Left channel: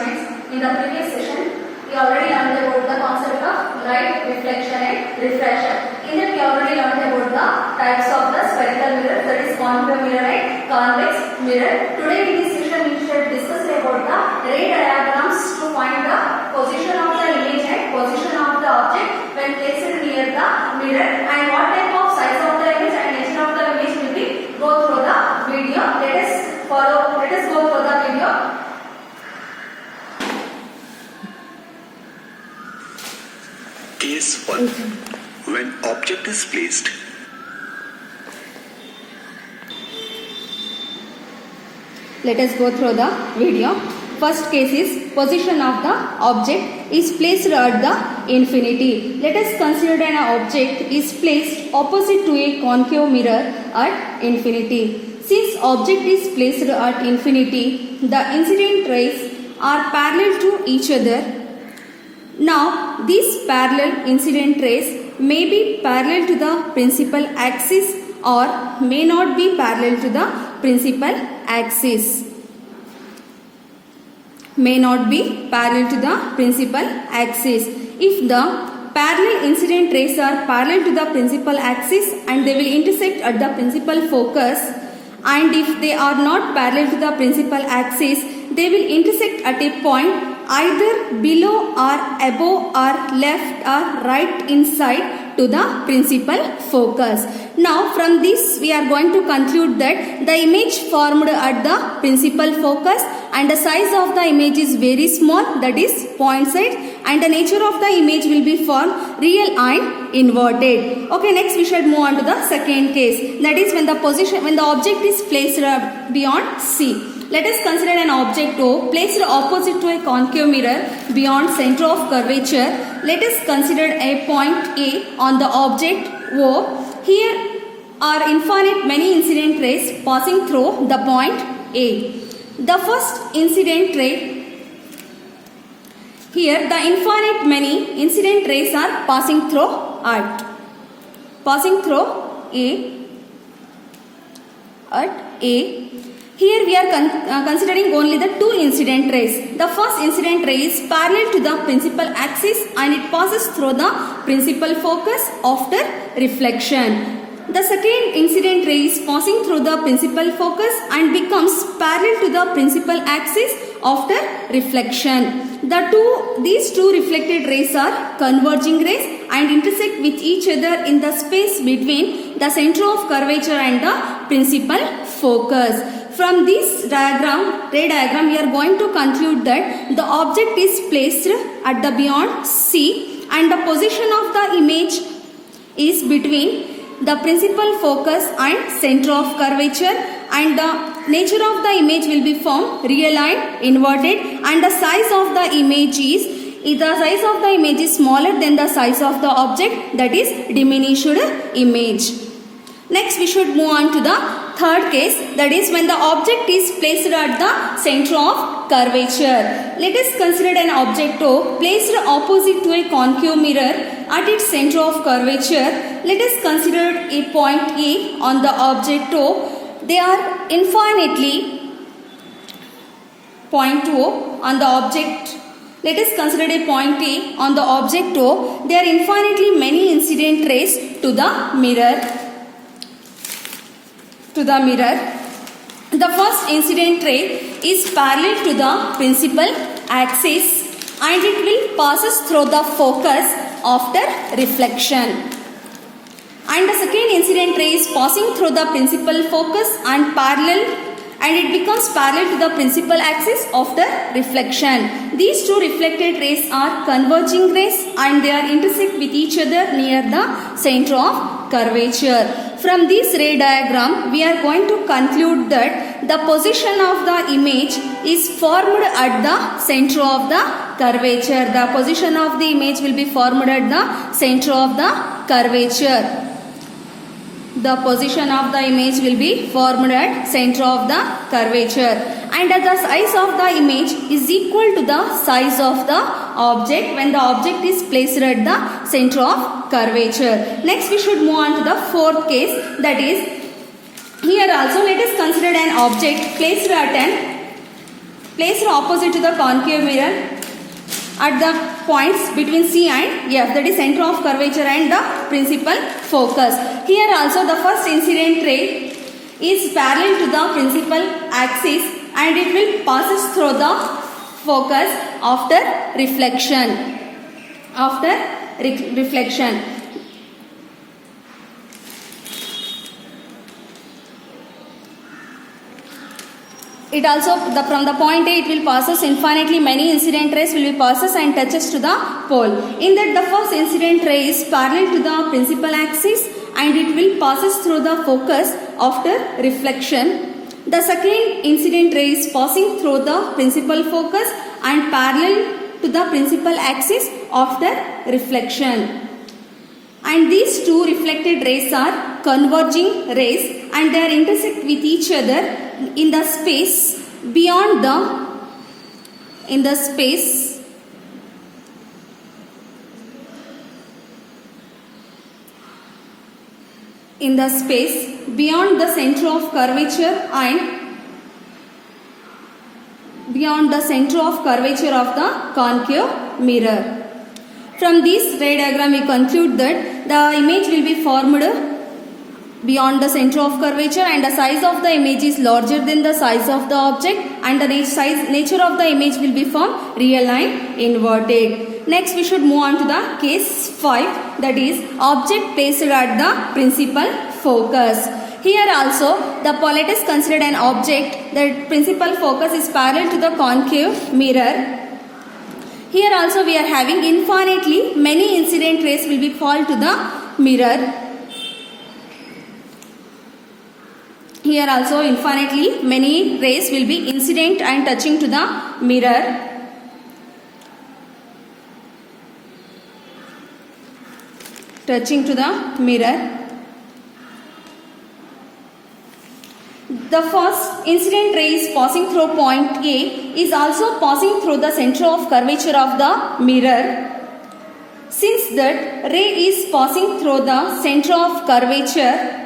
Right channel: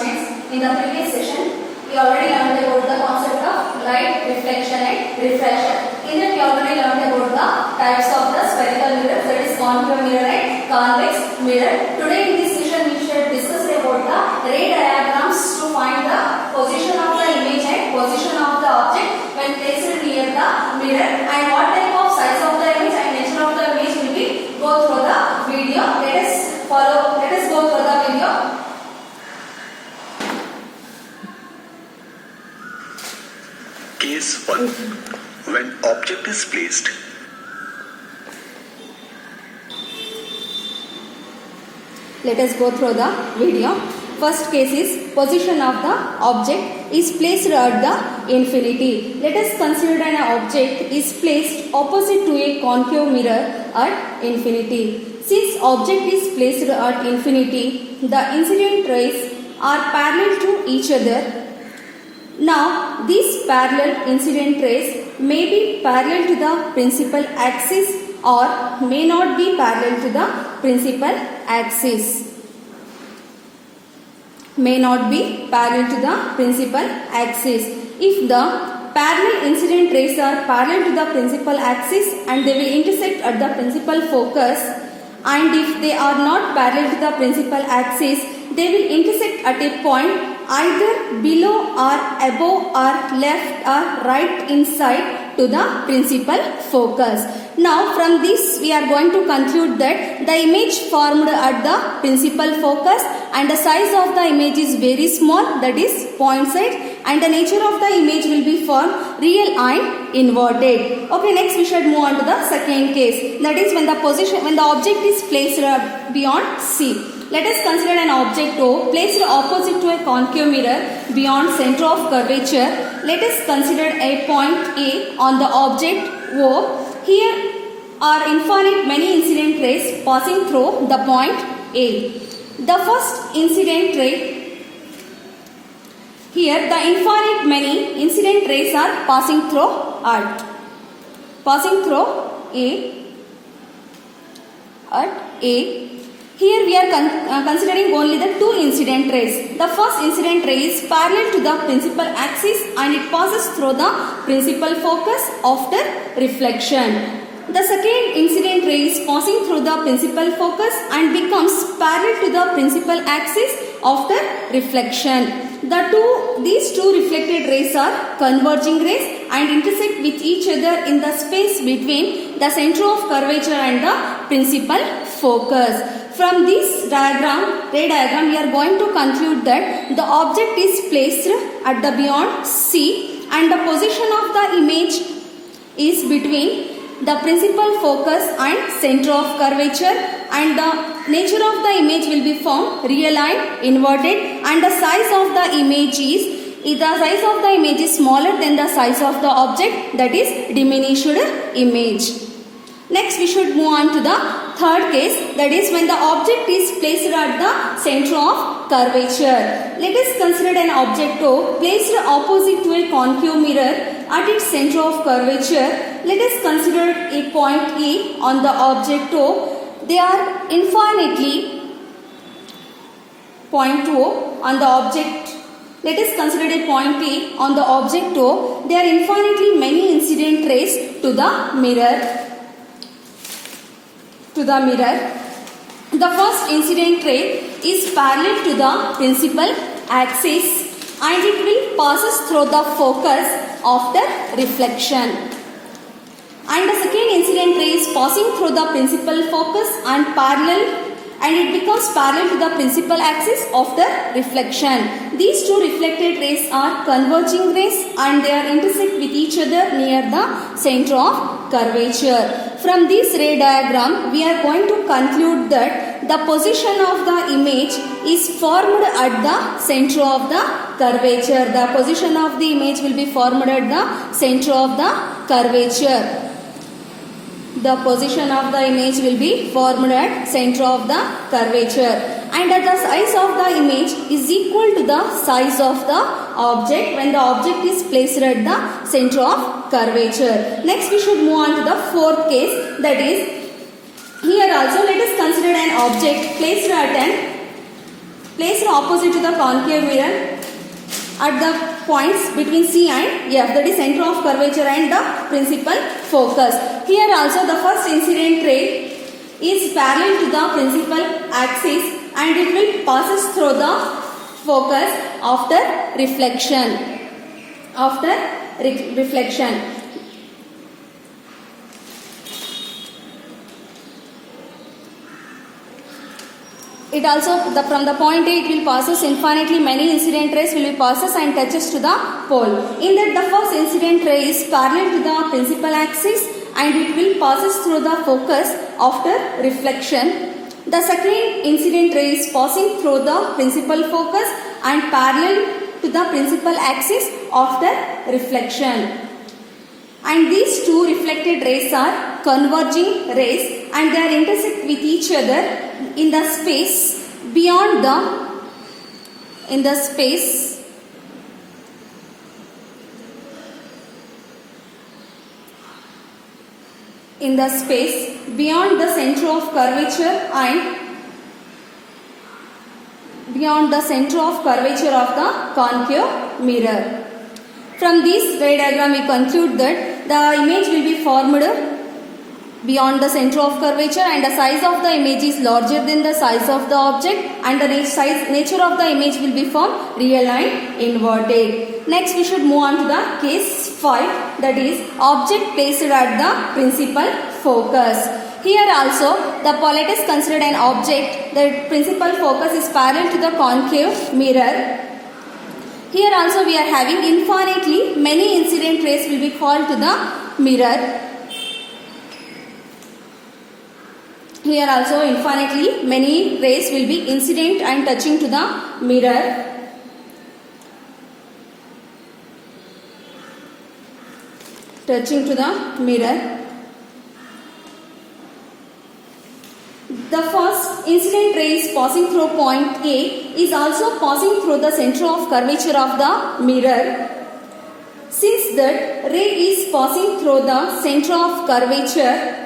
students, in the previous session, we already learned about the concept of light, reflection and refraction. In that we already learned about the types of the spherical mirror, that is concave mirror and convex mirror. Today in this session we shall discuss about the ray diagrams to find the position of the image and position of the object when placed near the mirror, and what type of size of the image and nature of the image will be go through the video. Let us go through the video. Case 1. When object is placed. Let us go through the video. First case is position of the object is placed at the infinity. Let us consider an object is placed opposite to a concave mirror at infinity. Since object is placed at infinity, the incident rays are parallel to each other. Now, these parallel incident rays may be parallel to the principal axis or may not be parallel to the principal axis. May not be parallel to the principal axis. If the parallel incident rays are parallel to the principal axis and they will intersect at the principal focus, and if they are not parallel to the principal axis, they will intersect at a point either below or above or left or right inside to the principal focus. Now from this we are going to conclude that the image formed at the principal focus and the size of the image is very small, that is point size, and the nature of the image will be formed real and inverted. Okay, next we should move on to the second case, that is when the object is placed beyond C. Let us consider an object O placed opposite to a concave mirror beyond center of curvature. Let us consider a point A on the object O. Here are infinite many incident rays passing through the point A. The first incident ray, here the infinite many incident rays are passing through A. Here we are considering only the two incident rays. The first incident ray is parallel to the principal axis and it passes through the principal focus after reflection. The second incident ray is passing through the principal focus and becomes parallel to the principal axis after reflection. These two reflected rays are converging rays and intersect with each other in the space between the center of curvature and the principal focus. From this ray diagram, we are going to conclude that the object is placed at the beyond C and the position of the image is between the principal focus and center of curvature, and the nature of the image will be formed real and inverted, and the size of the image is smaller than the size of the object, that is diminished image. Next we should move on to the third case, that is when the object is placed at the center of curvature. Let us consider an object O placed opposite to a concave mirror at its center of curvature. Let us consider a point E on the object O. They are infinitely point O on the object. Let us consider a point E on the object O. There are infinitely many incident rays to the mirror. The first incident ray is parallel to the principal axis and it will passes through the focus after reflection. And the second incident ray is passing through the principal focus and it becomes parallel to the principal axis after reflection. These two reflected rays are converging rays and they are intersect with each other near the center of curvature. From this ray diagram, we are going to conclude that the position of the image is formed at the center of the curvature. The position of the image will be formed at the center of the curvature. The position of the image will be formed at center of the curvature. And the size of the image is equal to the size of the object when the object is placed at the center of curvature. Next we should move on to the fourth case, that is here also let us consider an object placed opposite to the concave mirror at the points between C and F, that is center of curvature and the principal focus. Here also the first incident ray is parallel to the principal axis and it will passes through the focus after reflection. It also from the point A it will passes infinitely many incident rays will be passes and touches to the pole. In that the first incident ray is parallel to the principal axis and it will passes through the focus after reflection. The second incident ray is passing through the principal focus and parallel to the principal axis after reflection. And these two reflected rays are converging rays and they are intersect with each other in the space beyond the beyond the center of curvature and beyond the center of curvature of the concave mirror. From this ray diagram we conclude that the image will be formed beyond the center of curvature and the size of the image is larger than the size of the object and the nature of the image will be formed real and inverted. Next we should move on to the case 5, that is object placed at the principal focus. Here also the let us consider an object, the principal focus is parallel to the concave mirror. Here also we are having infinitely many incident rays will be fall to the mirror. Here also infinitely many rays will be incident and touching to the mirror. The first incident ray is passing through point A is also passing through the center of curvature of the mirror. Since that ray is passing through the center of curvature,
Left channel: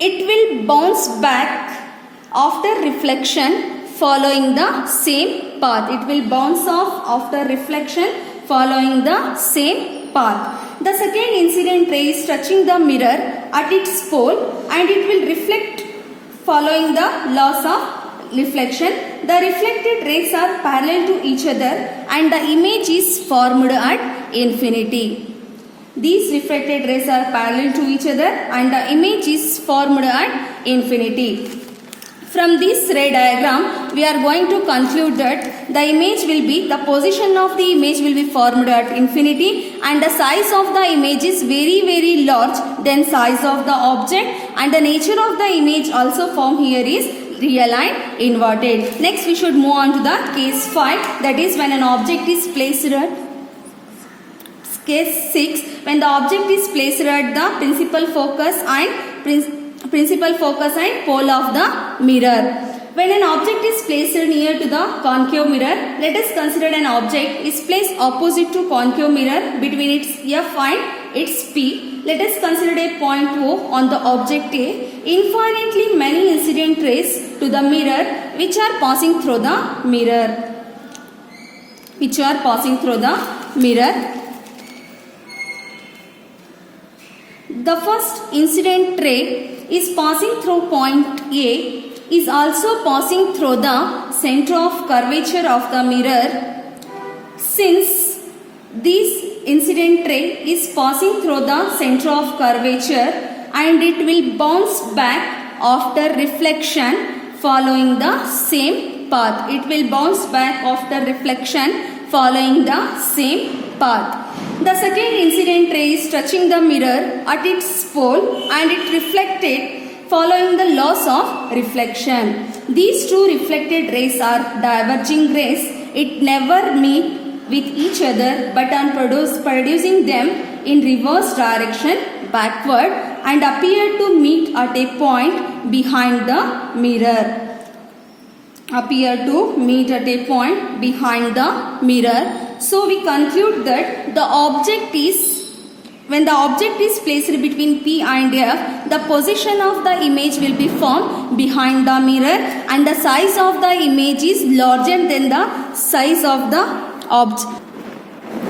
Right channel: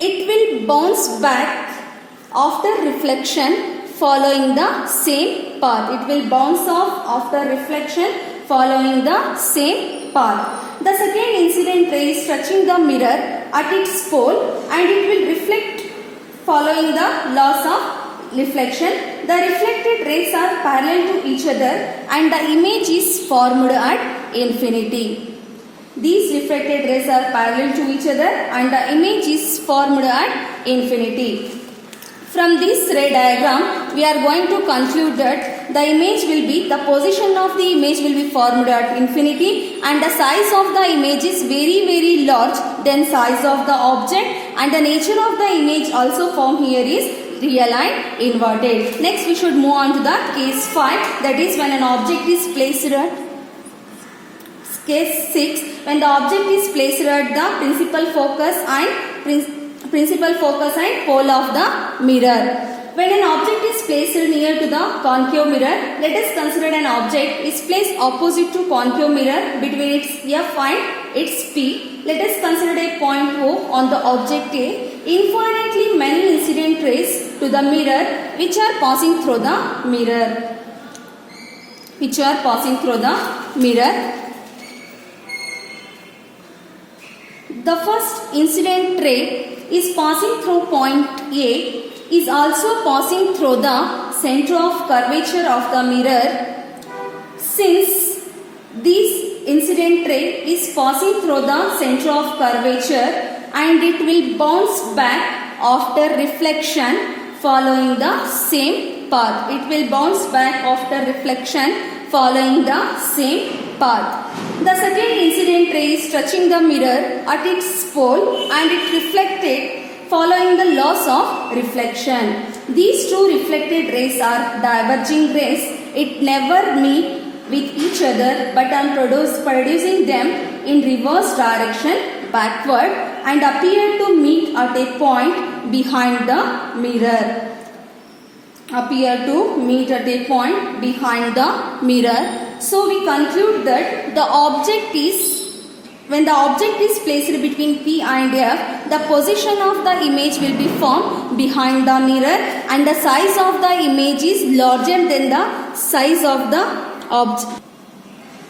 it will bounce back after reflection following the same path. It will bounce off after reflection following the same path. The second incident ray is touching the mirror at its pole and it will reflect following the laws of reflection. The reflected rays are parallel to each other and the image is formed at infinity. These reflected rays are parallel to each other and the image is formed at infinity. From this ray diagram, we are going to conclude that the image will be, the position of the image will be formed at infinity and the size of the image is very very large than size of the object and the nature of the image also formed here is real and inverted. Next we should move on to the case 5, that is when an object is placed at case 6, when the object is placed at the principal focus and pole of the mirror. When an object is placed near to the concave mirror, let us consider an object is placed opposite to concave mirror between its F and its P. Let us consider a point O on the object A. Infinitely many incident rays to the mirror which are passing through the mirror. The first incident ray is passing through point A is also passing through the center of curvature of the mirror. Since this incident ray is passing through the center of curvature and it will bounce back after reflection following the same path. The second incident ray is touching the mirror at its pole and it reflected following the laws of reflection. These two reflected rays are diverging rays. It never meet with each other but on producing them in reverse direction backward and appear to meet at a point behind the mirror. So we conclude that when the object is placed between P and F, the position of the image will be formed behind the mirror and the size of the image is larger than the size of the Obj.